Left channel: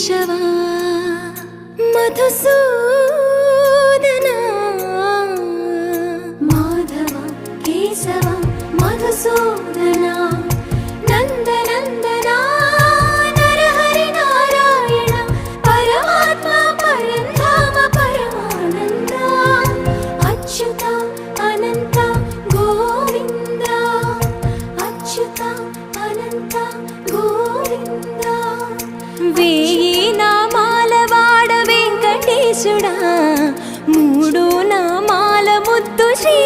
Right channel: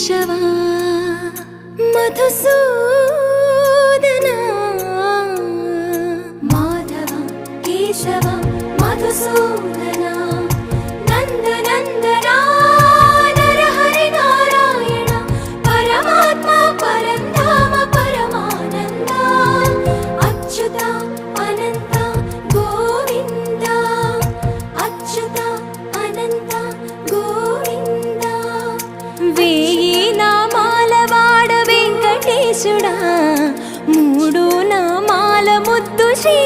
కేశవా మధుసూదనా మాధవ కేశవ మధుసూదనా నందనందనా నరహరి నారాయణ పరమాత్మ పరంధామ పరమానంద అచ్యుత అనంత గోవింద అచ్యుత అనంత గోవింద వేయి నామాల వాడ వెంకటేశుడా మూడు నామాల ముద్దు శ్రీ